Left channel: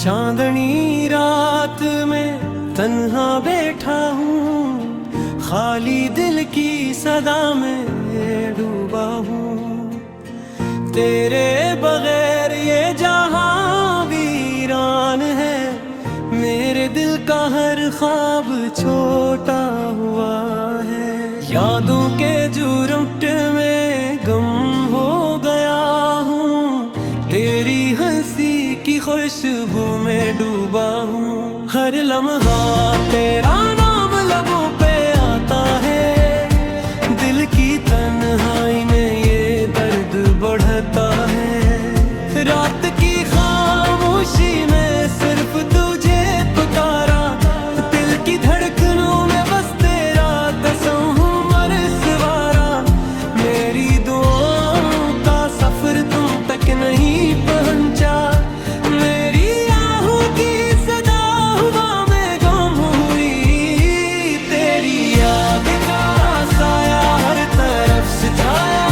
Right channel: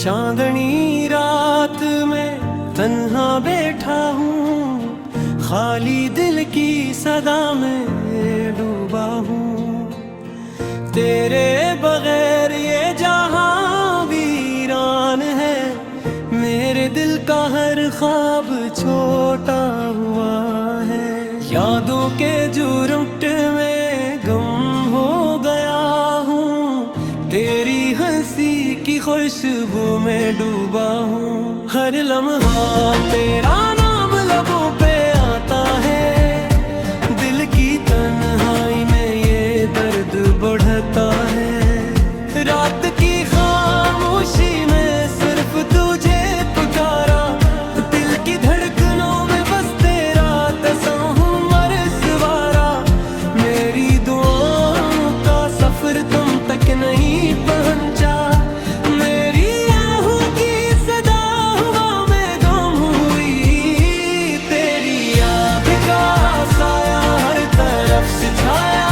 चांदनी रात में तन्हा बैठा हूँ, खाली दिल की सदा में डूबा हूँ। तेरे बगैर ये जहां वीरान है, मेरे दिल का हर ख्वाब छोटा हुआ है। यादों के जुर्मट में गम हो गया हूँ, तेरी हंसी की खुशबू में डूबा हूँ। हर लम्हा तेरा नाम लबों पे आता है, दिल की तन्हाई में ये दर्द बढ़ता है। रात की खामोशी में सिर्फ तुझे पुकारा, दिल की धड़कनों में बस तेरा तस्वर सवारा। मेरी दुआओं का सफर तुम तक नहीं पहुंचा, मेरी आहों की सदा हुआ में गुम हुई। तेरी याद का साया हर तरफ से छाया,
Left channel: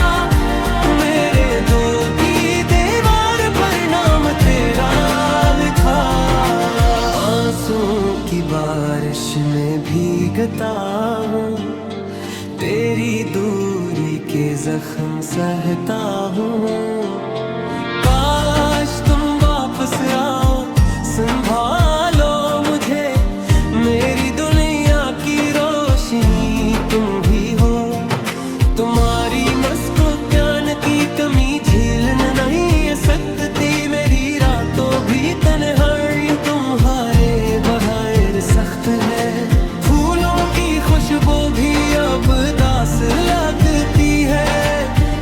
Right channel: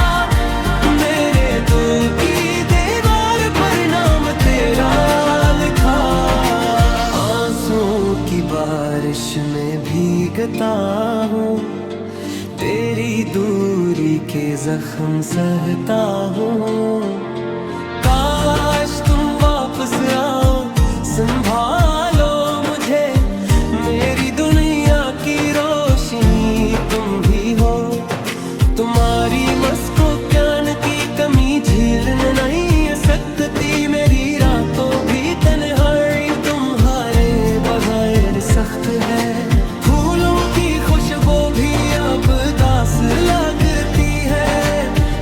मेरे दिल की दीवार पर नाम तेरा लिखा। आंसुओं की बारिश में भीगता हूँ, तेरी दूरी के जख्म सहता हूँ। काश तुम वापस आओ, संभालो मुझे, मेरी दुनिया की रोशनी तुम भी हो। तुम्हारी मस्को ज्ञान की कमी झेलने नहीं सकती, मेरी रातों भी तन्हाई तुम्हारे बगैर सख्त है। फूलों की खुशबू भी अब दास लगती है,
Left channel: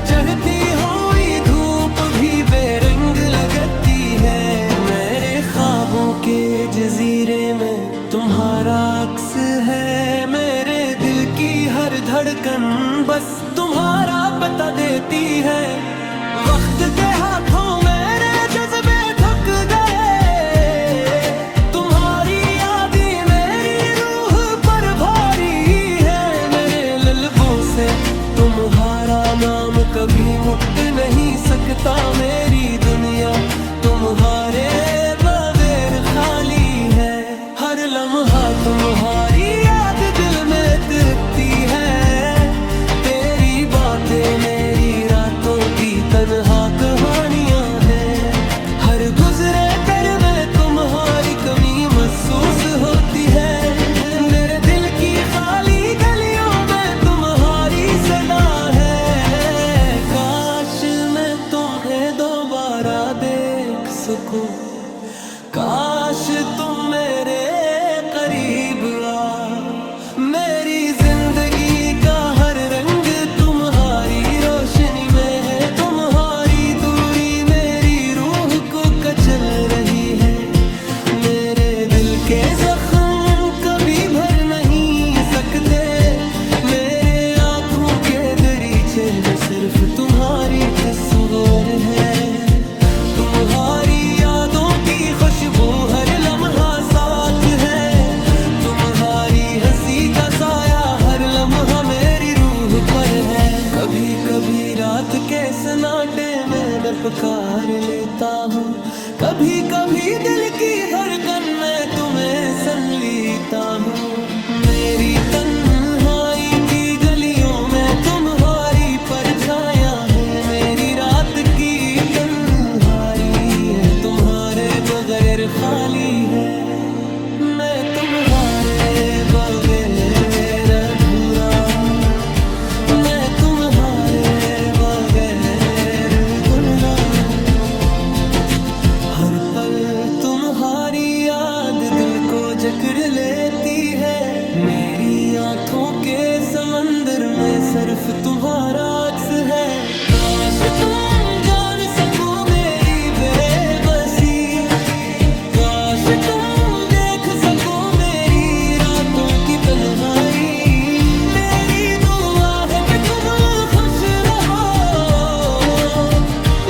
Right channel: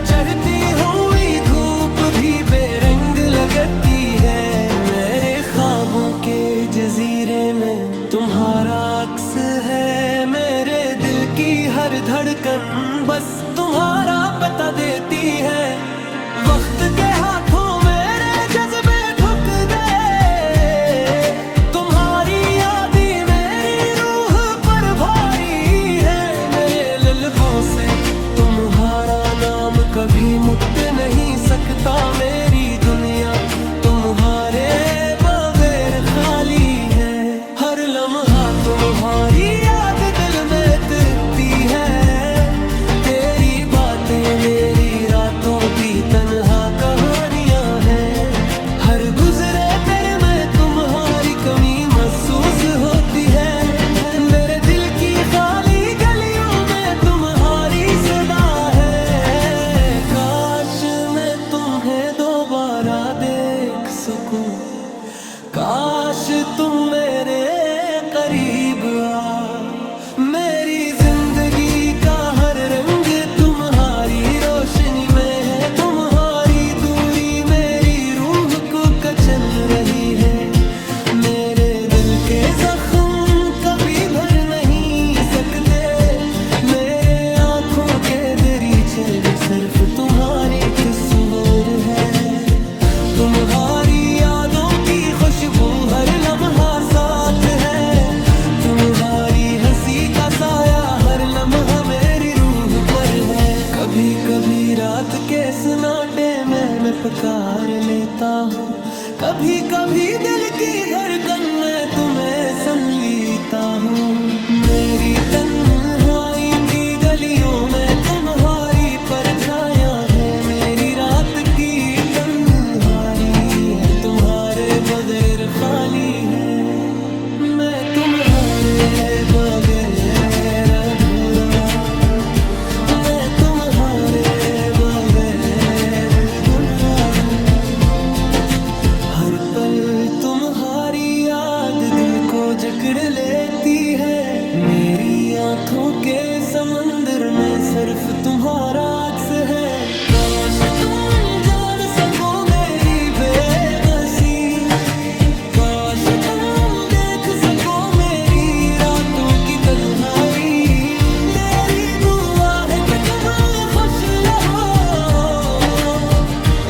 चढ़ती हुई धूप भी बेरंग लगती है। मेरे ख्वाबों के जजीरे में तुम्हारा अक्स है, मेरे दिल की हर धड़कन बस तुम्हारा बता देती है। वक्त के हाथों मेरे जज्बे ठुक गए, तुम्हारी यादें मेरी रूह पर भारी है। मेरे लल्बों से तुम्हारा नाम कभी मुट नहीं सकता, मेरी दुनिया तुम्हारे बगैर खाली है। हर लम्हा तुम्हारी याद दिल में तिरकती है, तेरी बातें मेरी रातों की तन्हा कहानियां हैं। हर गुजरे तेरे में तुम्हारी कमी महसूस होती है, मेरे दिल की खाली गलियों में तुम्हारी सदा है। काश मैं तुम्हें दोबारा देख सकूं, काश तुम मेरे करीब आ। मेरी जिंदगी का हर रंग तुम्हारी रोशनी में है, तुम्हारी दूरी मेरी रूह को कचल रही है। मेरे दिल के जख्म कभी भर नहीं सकते, मेरे आँखों के दरीचे में सिर्फ तुम्हारी तस्वीर है। तुम्हारी यादों की खुशबू हर लम्हा साथ है, तुम्हारी हंसी का साया हर लम्हा मेरी रूह पर है। कभी कभी रात के सन्नाटे में मैं पुकार लेता हूँ, कभी कभी दिल की धड़कन में तुम्हें सुन लेता हूँ। मेरी तन्हाई की गलियों में तुम्हारी परछायां है, मेरी रात की तन्हाई है तुम्हारे बगैर खाली है। मैं तुम्हारे बगैर अधूरा हूँ, मैं तुम्हारे बगैर गुमराह हूँ। हर पल तुम्हारी याद दिल को जकड़ लेती है, मेरी आँखों के समंदर में सिर्फ तुम्हारा अक्स है। काश तुम जान सको मेरी बेबसी, काश तुम रातों की तन्हाई। मेरी दुआ है कि तुम खुश रहो,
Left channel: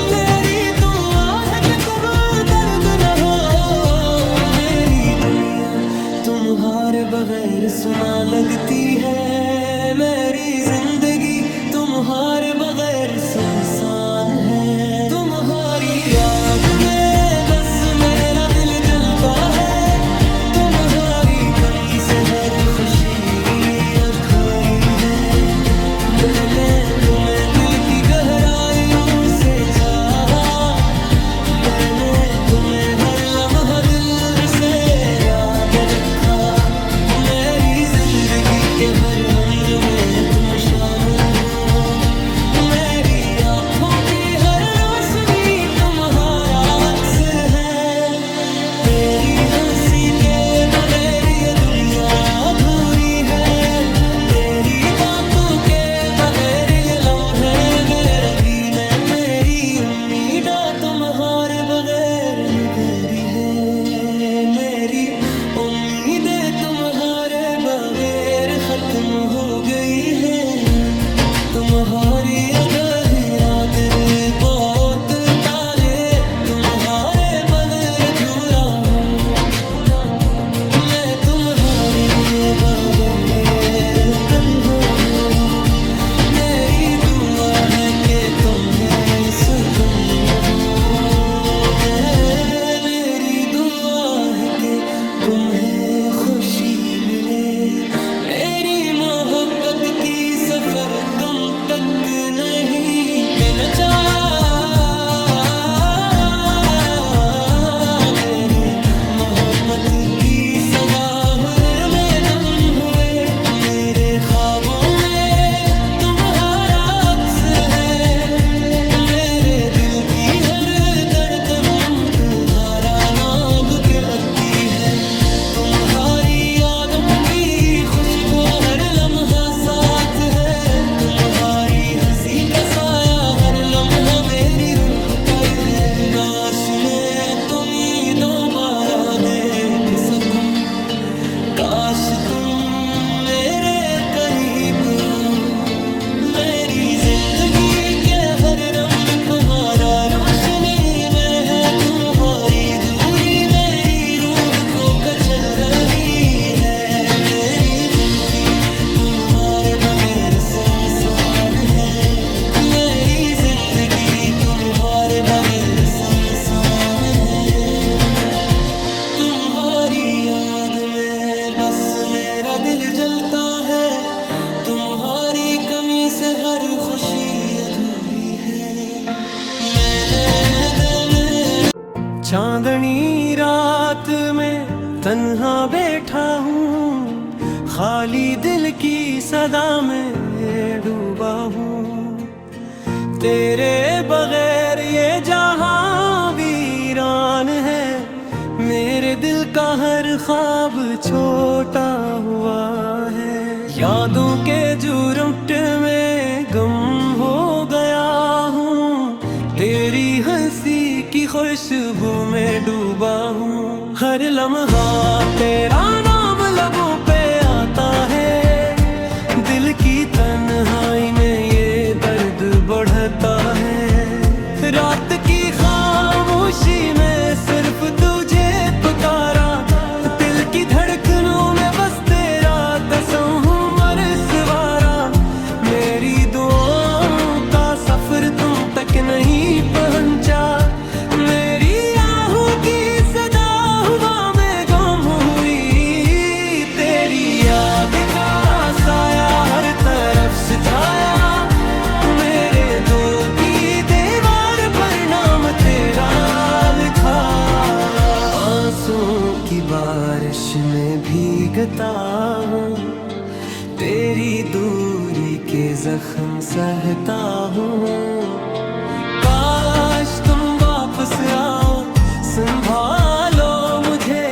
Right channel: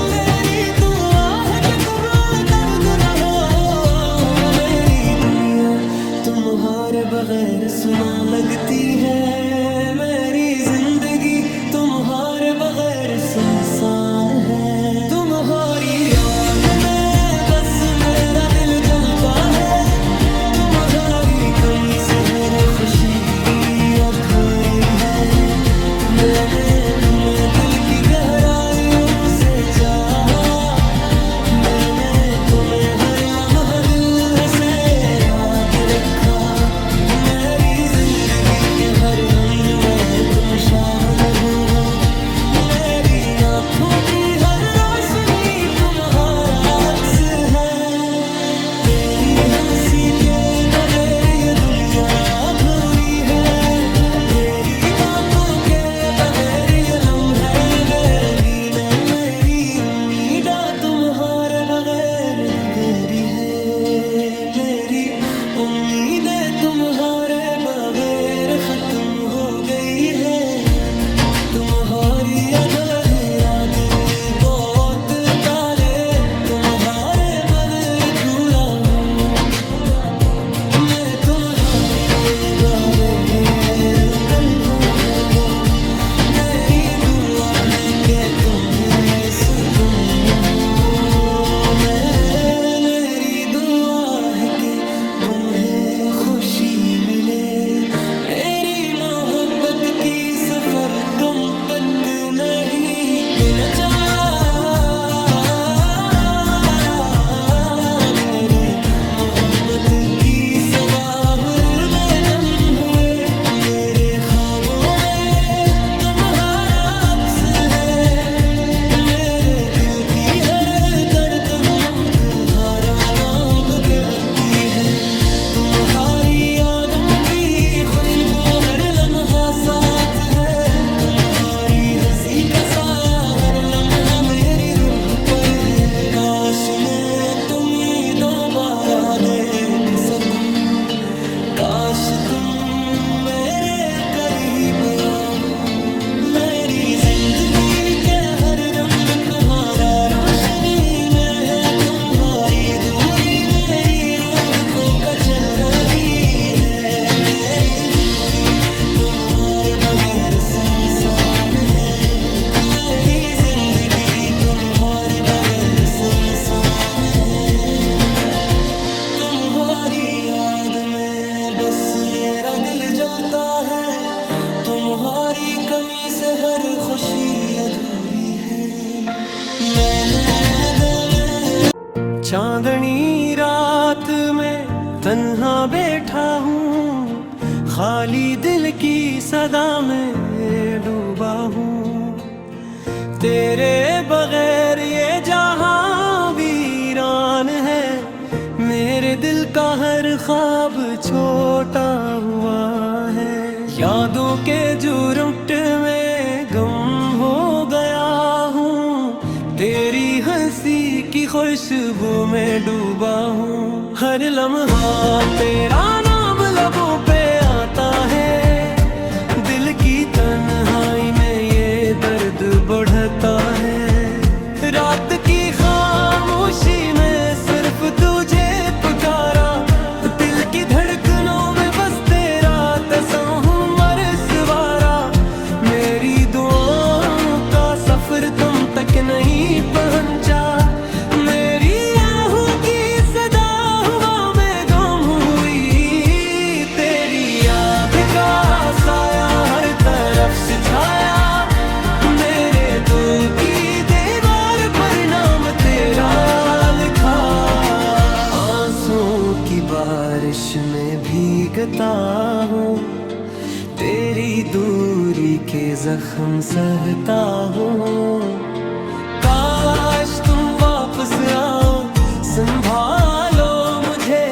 मेरी दुआ है कि तुम दर्द न हो। मेरी दुनिया तुम्हारे बगैर सुना लगती है, मेरी जिंदगी तुम्हारे बगैर सुनसान है। तुम्हारी याद में बस बस मेरा दिल जलता है, तुम्हारी कमी से हर खुशी अधूरी है। मैंने तुम्हें दिल की गहराइयों से चाहा, मैंने तुम्हें हर लम्हा दिल से याद रखा। मेरी जिंदगी के हर हम्र में तुम शामिल हो, मेरी आंखों की हर रोशनी तुम्हारा अक्स है। तेरी हंसी के बगैर ये दुनिया अधूरी है, तेरी बातों के बगैर ये लम्हे बेरंगी में। मेरी उम्मीदा तुम्हारे बगैर नगेरी है, मेरी उम्मीदें तुम्हारे बगैर खत्म हो गई है। तुम्हारी अगली रात बहुत तारे, तुम्हारे बगैर धूरा हूँ, मैं तुम्हारे बगैर कल हूँ। मेरी दुआ है कि तुम्हें सुकून हो, मेरी दुआ है कि तुम्हें खुशी मिले। मेरी मोहब्बत की सफर तुम तक नहीं पहुंचा, मेरी मोहब्बत की सदाहर में गम हुए। मेरे ख्वाबों में तुम्हारा अक्स है, मेरे दिल की हर धड़कन तुम्हारा नाम कहती है। तुम्हारी यादों की खुशबू हर लम्हा साथ है, तुम्हारी हंसी का साया हर लम्हा मेरी रूह पर है। काश मैं तुम्हें दोबारा देख सकूं, काश तुम मेरे करीब आओ। मेरी जिंदगी के हर रंग तुम्हारा रोशनी में है, तुम्हारी दूरी मेरी रूह को कचल रही है। मेरी जिंदगी तुम्हारे बगैर सुनसान है, मेरी जिंदगी तुम्हारे बगैर सुनसान है। तुम्हारी याद में बस मेरा दिल जलता है, तुम्हारी कमी से हर खुशी अधूरी है। मैंने दिल में चांदनी रात में तन्हा बैठा हूँ, खाली दिल की सदा में डूबा हूँ। तेरे बगैर ये जहां वीरान है, मेरे दिल का हर ख्वाब छोटा हुआ है। यादों के जुर्मट में गम हो गया हूँ, तेरी हंसी की खुशबू में डूबा हूँ। हर लम्हा तेरा नाम लबों पे आता है, दिल की तन्हाई में ये दर्द बढ़ता है। रात की खामोशी में सिर्फ तुझे पुकारा, दिल की धड़कनों में बस तेरा तस्वर सवारा। मेरी दुआओं का सफर तुम तक नहीं पहुंचा, मेरी आहों की सदा हुआ में गुम हुई। तेरी याद का साया हर तरफ से छाया, मेरे दिल की दीवार पर नाम तेरा लिखा। आंसुओं की बारिश में भीगता हूँ, तेरी दूरी के जख्म सहता हूँ। काश तुम वापस आओ, संभालो मुझे,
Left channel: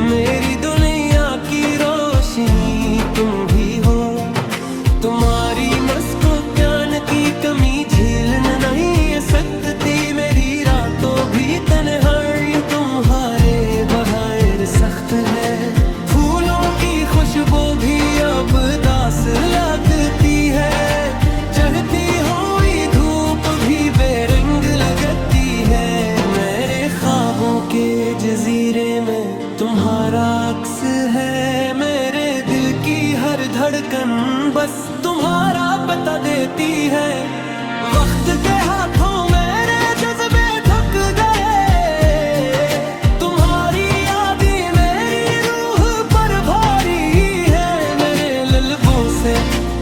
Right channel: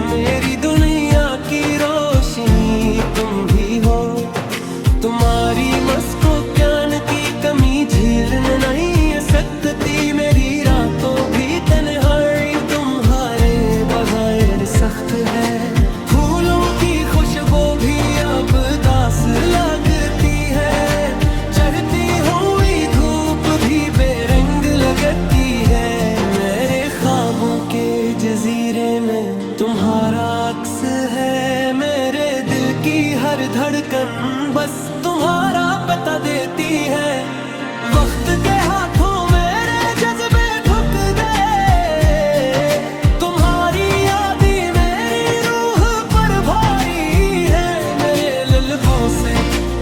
मेरी दुनिया की रोशनी तुम भी हो। तुम्हारी मस्को ज्ञान की कमी झेलने नहीं सकती, मेरी रातों भी तन्हाई तुम्हारे बगैर सख्त है। फूलों की खुशबू भी अब दास लगती है, चढ़ती हुई धूप भी बेरंग लगती है। मेरे ख्वाबों के जजीरे में तुम्हारा अक्स है, मेरे दिल की हर धड़कन बस तुम्हारा बता देती है। वक्त के हाथों मेरे जज्बे ठुक गए,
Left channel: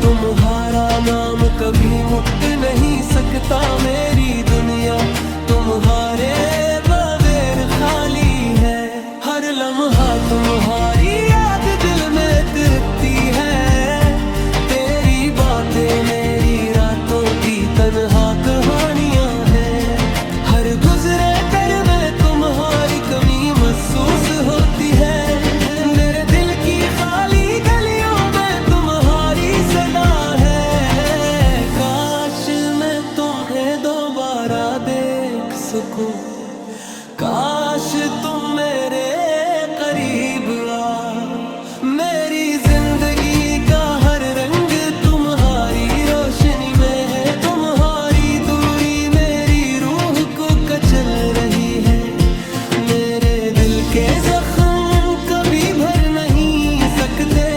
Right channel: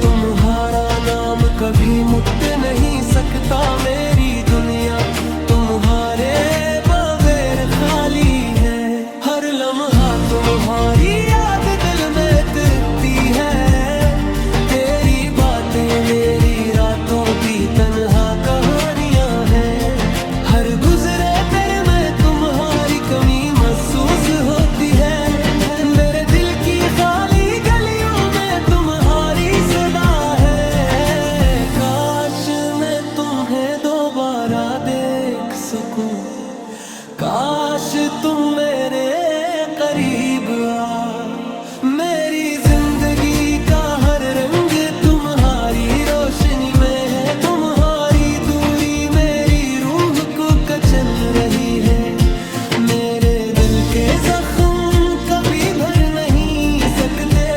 तुम्हारा नाम कभी मुट नहीं सकता मेरी दुनिया, तुम्हारे बगैर खाली है। हर लम्हा तुम्हारी याद दिल में तिरकती है, तेरी बातें मेरी रातों की तन्हा कहानियां हैं। हर गुजरे दर में तुम्हारी कमी महसूस होती है, मेरे दिल की खाली गलियों में तुम्हारी सदा है। काश मैं तुम्हें दोबारा देख सकूं, काश तुम मेरे करीब आ। मेरी जिंदगी का हर रंग तुम्हारी रोशनी में है, तुम्हारी दूरी मेरी रूह को कचल रही है। मेरे दिल के जख्म कभी भर नहीं सकते,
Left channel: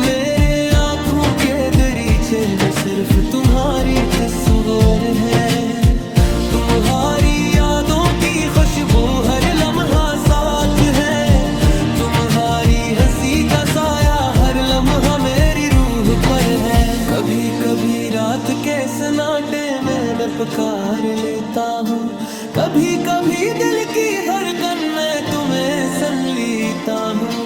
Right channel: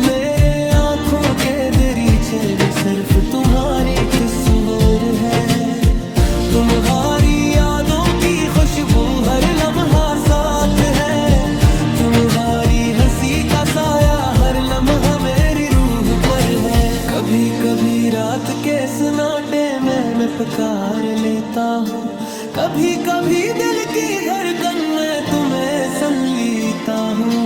मेरे आँखों के दरीचे में सिर्फ तुम्हारी तस्वीर है। तुम्हारी यादों की खुशबू हर लम्हा साथ है, तुम्हारी हंसी का साया हर लम्हा मेरी रूह पर है। कभी कभी रात के सन्नाटे में मैं पुकार लेता हूँ, कभी कभी दिल की धड़कन में तुम्हें सुन लेता हूँ।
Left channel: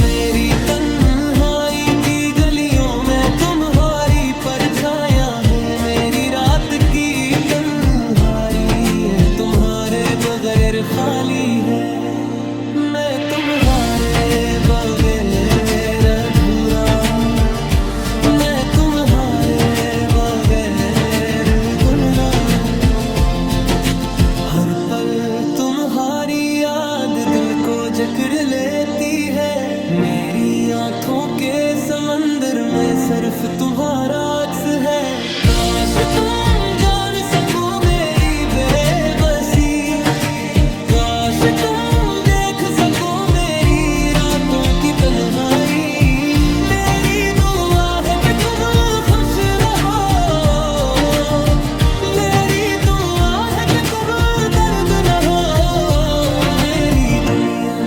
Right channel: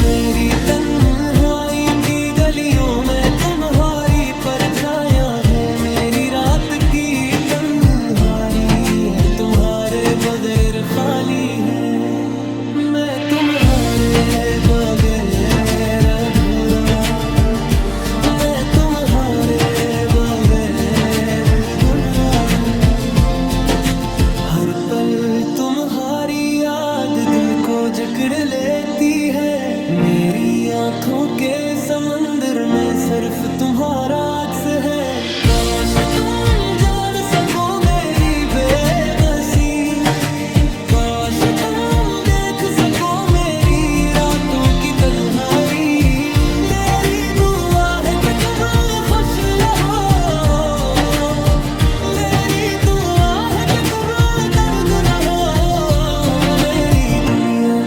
मेरी तन्हाई की गलियों में तुम्हारी परछायां है, मेरी रात की तन्हाई है, तुम्हारे बगैर खाली है। मैं तुम्हारे बगैर अधूरा हूँ, मैं तुम्हारे बगैर गुमराह हूँ। हर पल तुम्हारी याद दिल को जकड़ लेती है, मेरी आँखों के समंदर में सिर्फ तुम्हारा अक्स है। काश तुम जान सको मेरी बेबसी, काश तुम सको मेरी रातों की तन्हाई। मेरी दुआ है कि तुम खुश रहो, मेरी दुआ है कि तुम दर्द न हो। मेरी दुनिया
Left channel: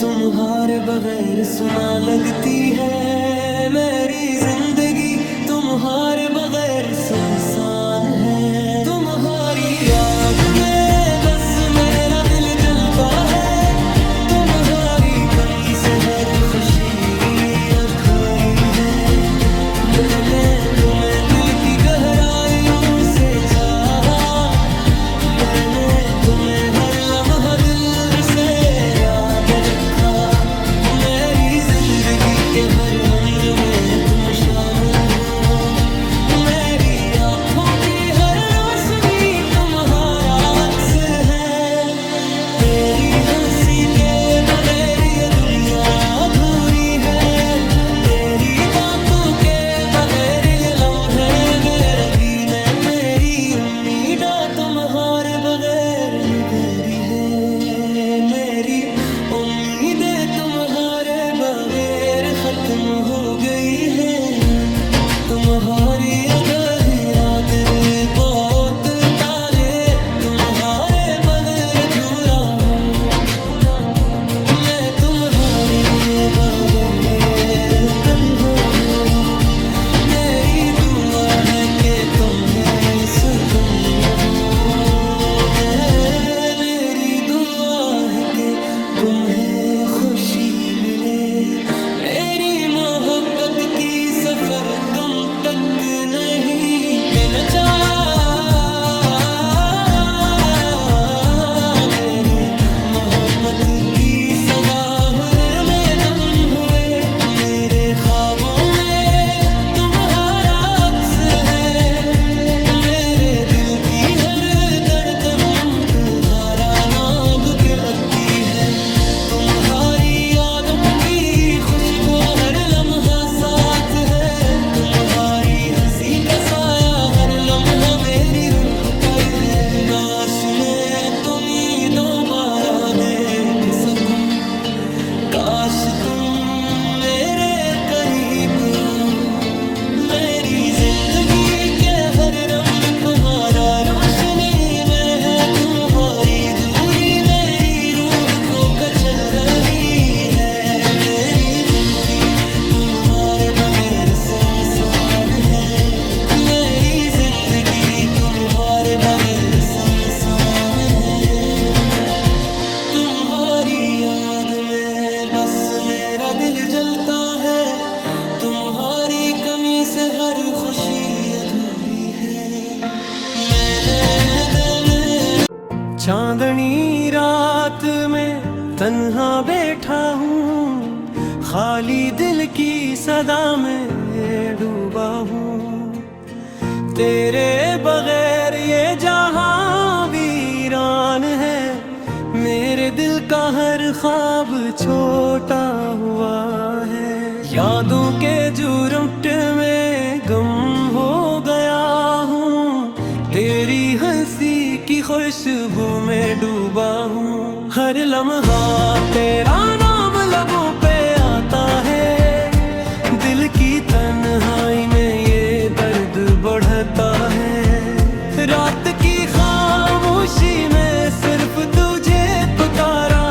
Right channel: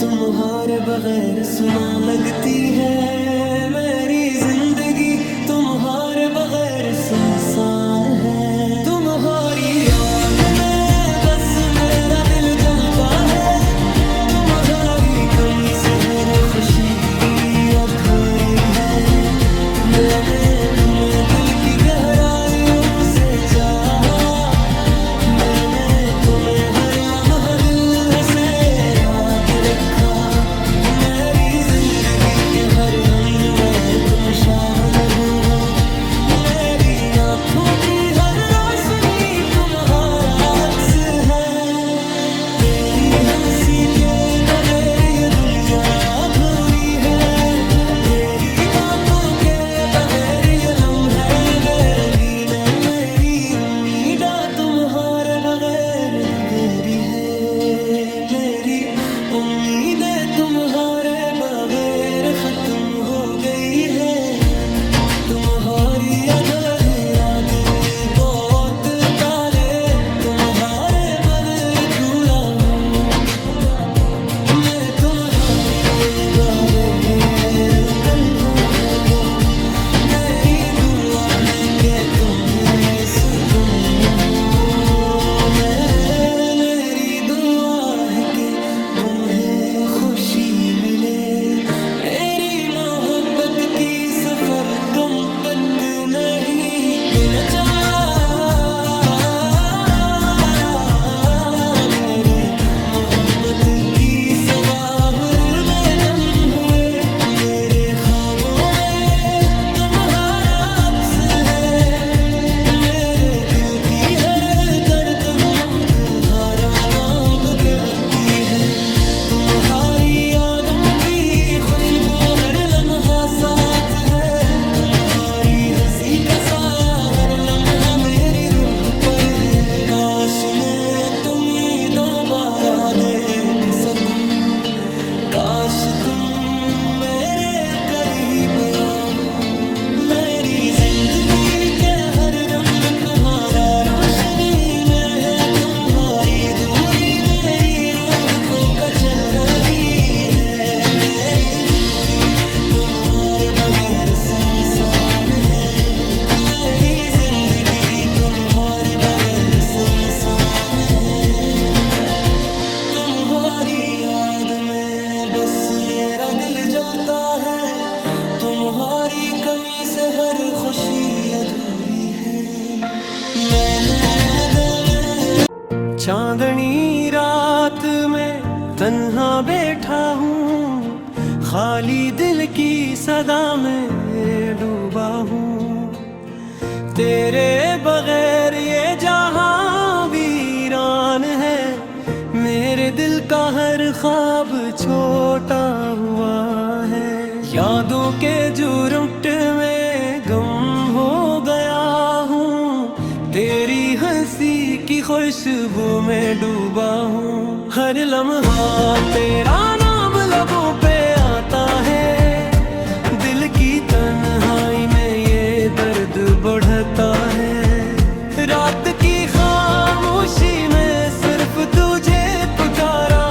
तुम्हारे बगैर सुना लगती है, मेरी जिंदगी तुम्हारे बगैर सुनसान है। तुम्हारी याद में बस मेरा दिल जलता है, तुम्हारी कमी से हर खुशी अधूरी है। मैंने तुम्हें दिल की गहराइयों से चाहा, मैंने तुम्हें हर लम्हा दिल से याद रखा। मेरी जिंदगी के हर हमर में तुम शामिल हो, मेरी आँखों की हर रोशनी तुम्हारा अक्स है। तेरी हंसी के बगैर ये दुनिया अधूरी है, तेरी बातों के बगैर ये लम्हे बेरंगी में। मेरी उम्मीदा तुम्हारे बगैर नगेरी है, मेरी उम्मीदें तुम्हारे बगैर खत्म हो गई है। तुम्हारी अधूरी रात बहुत तारे तुम्हारे बगैर अधूरा हूँ, मैं तुम्हारे बगैर कल हूँ। मेरी दुआ है कि तुम्हें सुकून हो, मेरी दुआ है कि तुम्हें खुशी मिले। मेरी मोहब्बत की सफर तुम तक नहीं पहुंचा, मेरी मोहब्बत की सदाहर में तुम हुए। मेरे ख्वाबों में तुम्हारा अक्स है, मेरे दिल की हर धड़कन तुम्हारा नाम कहती है। तुम्हारी यादों की खुशबू हर लम्हा साथ है, तुम्हारी हंसी का साया हर लम्हा मेरी रूह पर है। काश मैं तुम्हें दोबारा देख सकूं, काश तुम मेरे करीब आओ। मेरी जिंदगी के हर रंग तुम्हारा रोशनी में है, तुम्हारी दूरी मेरी रूह को कचल रही है। मेरी जिंदगी तुम्हारे बगैर इंसान है। मेरी जिंदगी तुम्हारे बगैर सुनसान है। तुम्हारी याद में बस मेरा दिल जलता है। तुम्हारी कमी से हर खुशी अधूरी है। मैंने दिल में चांदनी रात में तन्हा बैठा हूँ, खाली दिल की सदा में डूबा हूँ। तेरे बगैर ये जहां वीरान है। मेरे दिल का हर ख्वाब छोटा हुआ है। यादों के जुर्मट में गम हो गया हूँ। तेरी हंसी की खुशबू में डूबा हूँ। हर लम्हा तेरा नाम लबों पे आता है। दिल की तन्हाई में ये दर्द बढ़ता है। रात की खामोशी में सिर्फ तुझे पुकारा।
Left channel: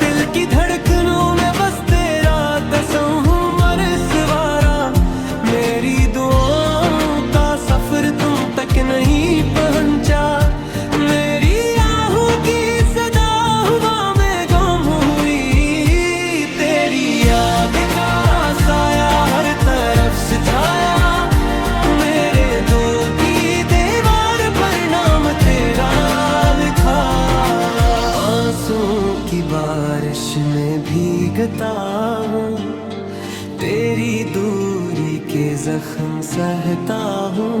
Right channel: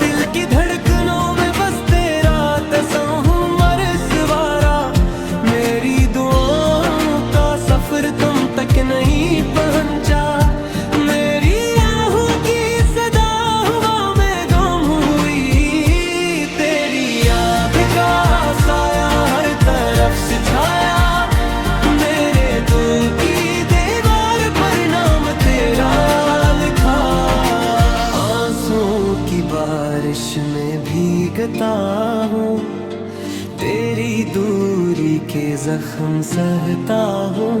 दिल की धड़कनों में बस तेरा तसव्वुर सवारा। मेरी दुआओं का सफर तुम तक नहीं पहुंचा। मेरी आहों की सदा हवा में गुम हुई। तेरी याद का साया हर तरफ से छाया। मेरे दिल की दीवार पर नाम तेरा लिखा। आंसुओं की बारिश में भीगता हूँ। तेरी दूरी के जख्म सहता हूँ।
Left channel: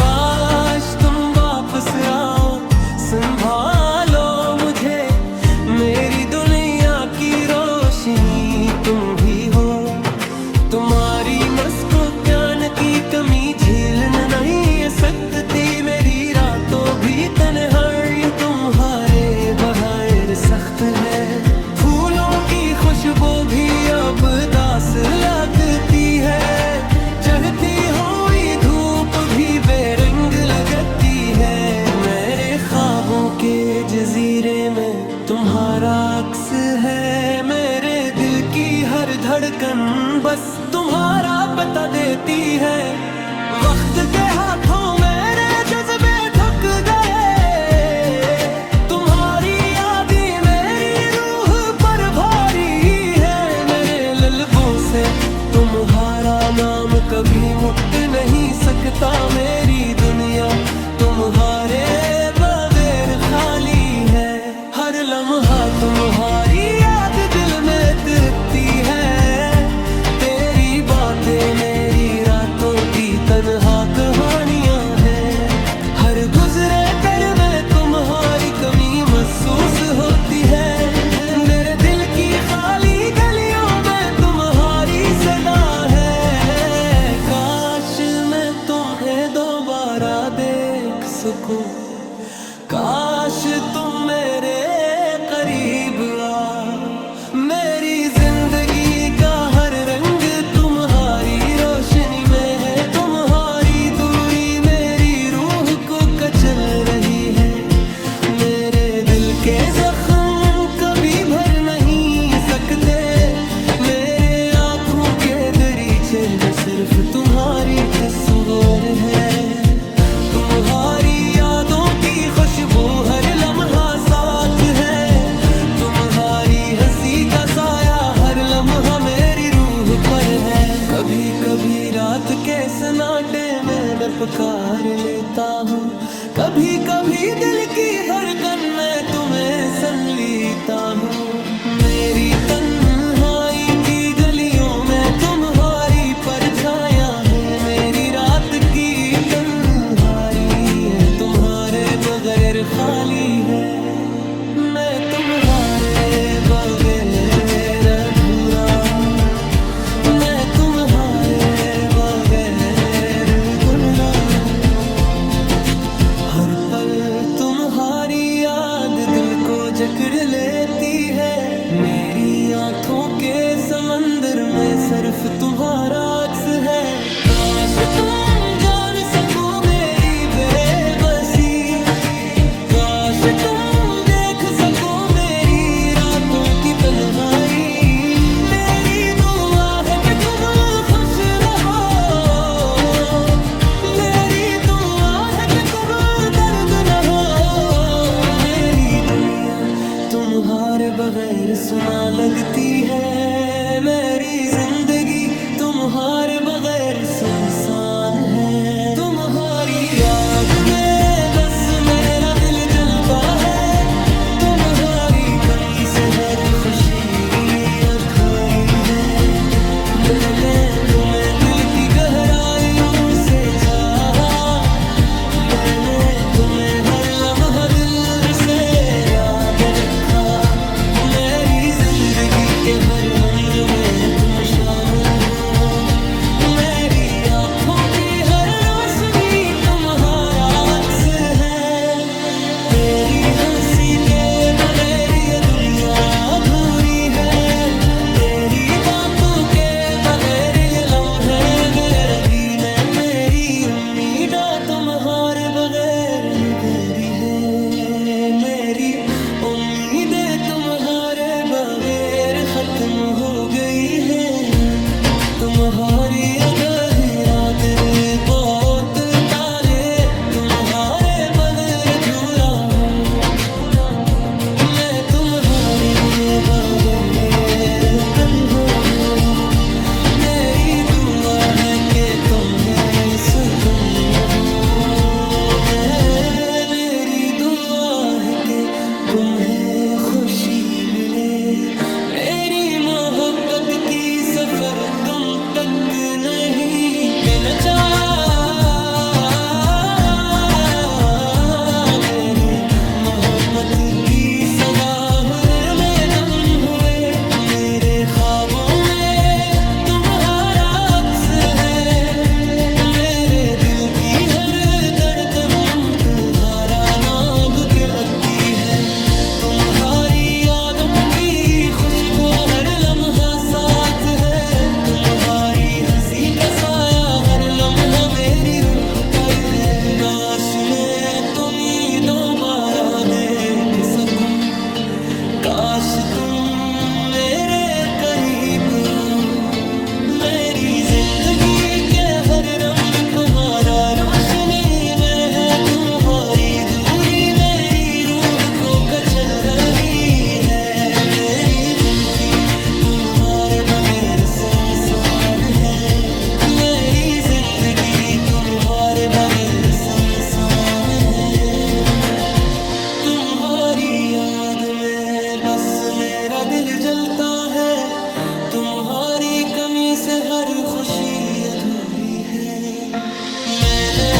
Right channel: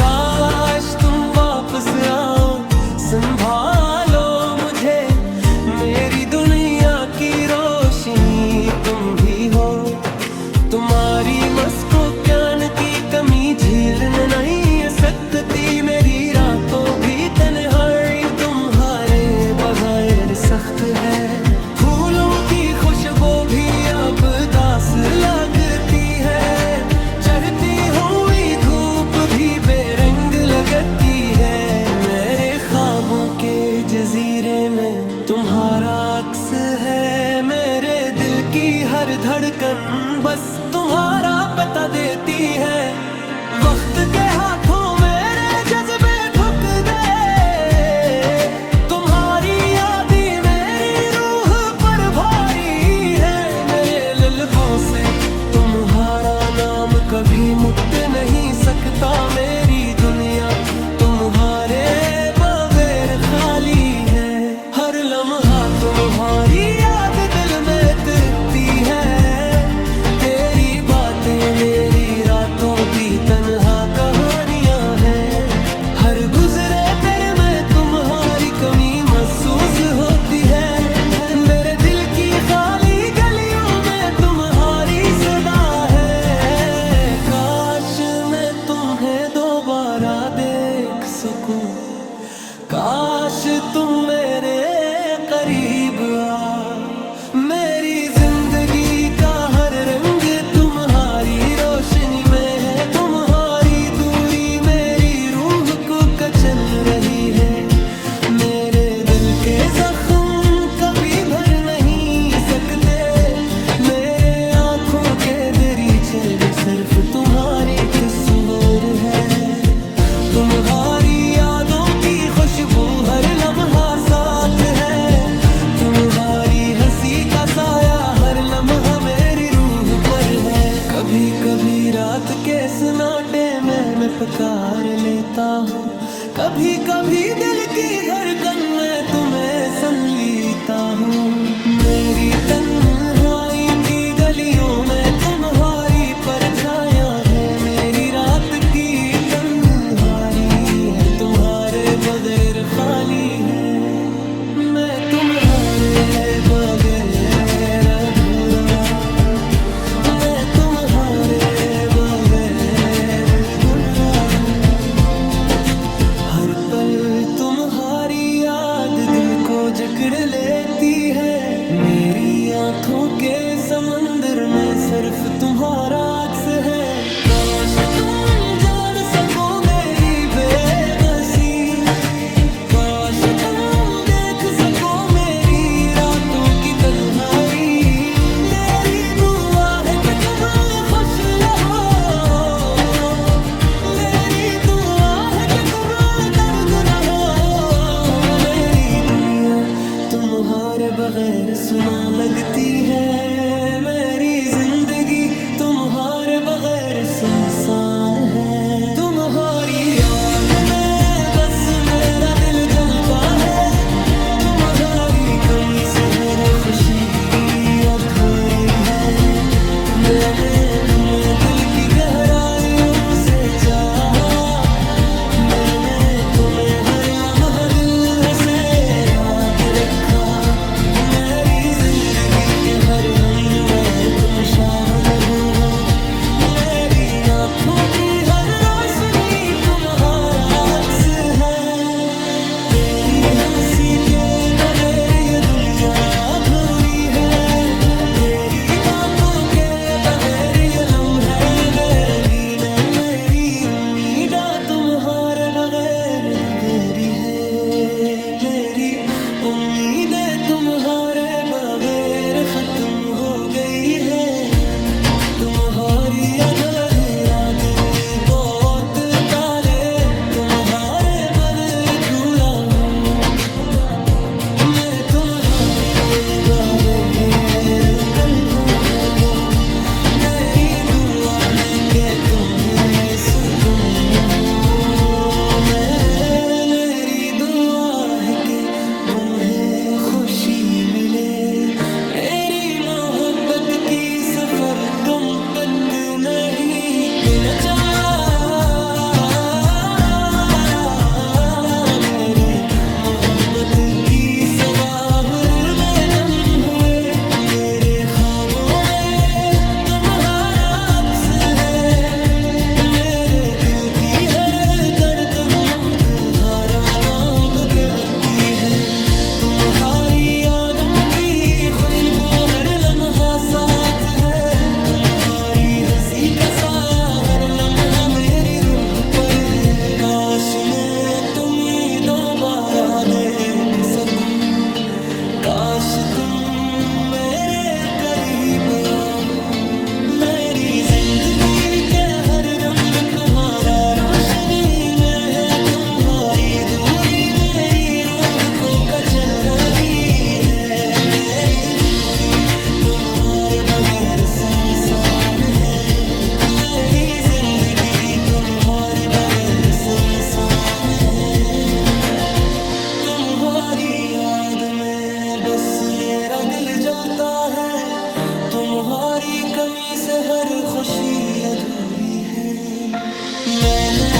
काश तुम वापस आओ, संभालो मुझे। मेरी दुनिया की रोशनी तुम भी हो। तुम्हारी मस्को ज्ञान की कमी झेलने नहीं सकती। मेरी रातों भी तन्हाई तुम्हारे बगैर सख्त है। फूलों की खुशबू भी अब दास लगती है। चढ़ती हुई धूप भी बेरंग लगती है। मेरे ख्वाबों के जजीरे में तुम्हारा अक्स है। मेरे दिल की हर धड़कन बस तुम्हारा बता देती है। वक्त के हाथों मेरे जज्बे ठुक गए। तुम्हारी यादें मेरी रूह पर भारी है। मेरे लल्बों से तुम्हारा नाम कभी मुट नहीं सकता। मेरी दुनिया तुम्हारे बगैर खाली है। हर लम्हा तुम्हारी याद दिल में तिरकती है। तेरी बातें मेरी रातों की तन्हा कहानियां हैं। हर गुजरे दर में तुम्हारी कमी महसूस होती है। मेरे दिल की खाली गलियों में तुम्हारी सदा है। काश मैं तुम्हें दोबारा देख सकूं। काश तुम मेरे करीब आ। मेरी जिंदगी का हर रंग तुम्हारी रोशनी में है। तुम्हारी दूरी मेरी रूह को कचल रही है। मेरे दिल के जख्म कभी भर नहीं सकते। मेरे आँखों के दरीचे में सिर्फ तुम्हारी तस्वीर है। तुम्हारी यादों की खुशबू हर लम्हा साथ है। तुम्हारी हंसी का साया हर लम्हा मेरी रूह पर है। कभी कभी रात के सन्नाटे में मैं पुकार लेता हूँ। कभी कभी दिल की धड़कन में तुम्हें सन लेता हूँ। मेरी तन्हाई की गलियों में तुम्हारी परछायां है। मेरी रात की तन्हाई है तुम्हारे बगैर खाली है। मैं तुम्हारे बगैर अधूरा हूँ। मैं तुम्हारे बगैर गुलजार हूँ। हर पल तुम्हारी याद दिल को जकड़ लेती है। मेरी आँखों के समंदर में सिर्फ तुम्हारा अक्स है। काश तुम जान सको मेरी बेबसी। काश तुम देख सको मेरी रातों की तन्हाई। मेरी दुआ है कि तुम खुश बगैर सुना लगती है मेरी जिंदगी, तुम्हारे बगैर सुनसान है। तुम्हारी याद में बस मेरा दिल जलता है, तुम्हारी कमी से हर खुशी अधूरी है। मैंने तुम्हें दिल की गहराइयों से चाहा, मैंने तुम्हें हर लम्हा दिल से याद रखा। मेरी जिंदगी के हर हमर में तुम शामिल हो, मेरी आंखों की हर रोशनी तुम्हारा अक्स है। तेरी हंसी के बगैर ये दुनिया अधूरी है, तेरी बातों के बगैर ये लम्हे बेरंगी में मेरी उम्मीदा तुम्हारे बगैर नगेरी है। मेरी उम्मीदें तुम्हारे बगैर खत्म हो गई है। तुम्हारी अदही रात बहुत तारे, तुम्हारे बगैर धूरा हूँ, मैं तुम्हारे बगैर कल हूँ। मेरी दुआ है कि तुम्हें सुकून हो, मेरी दुआ है कि तुम्हें खुशी मिले। मेरी मोहब्बत की सफर तुम तक नहीं पहुंचा, मेरी मोहब्बत की सदाहर में तुम हुए। मेरे ख्वाबों में तुम्हारा अक्स है, मेरे दिल की हर धड़कन तुम्हारा नाम कहती है। तुम्हारी यादों की खुशबू हर लम्हा साथ है, तुम्हारी हंसी का साया हर लम्हा मेरी रूह पर है। काश मैं तुम्हें दोबारा देख सकूं, काश तुम मेरे करीब आओ। मेरी जिंदगी के हर रंग तुम्हारा रोशनी में है, तुम्हारी दूरी मेरी रूह को कचल रही है। मेरी जिंदगी तुम्हारे बगैर सुनसान है, मेरी जिंदगी तुम्हारे बगैर सुनसान है। तुम्हारी याद में बस मेरा दिल जलता है, तुम्हारी कमी से हर खुशी अधूरी है। मैंने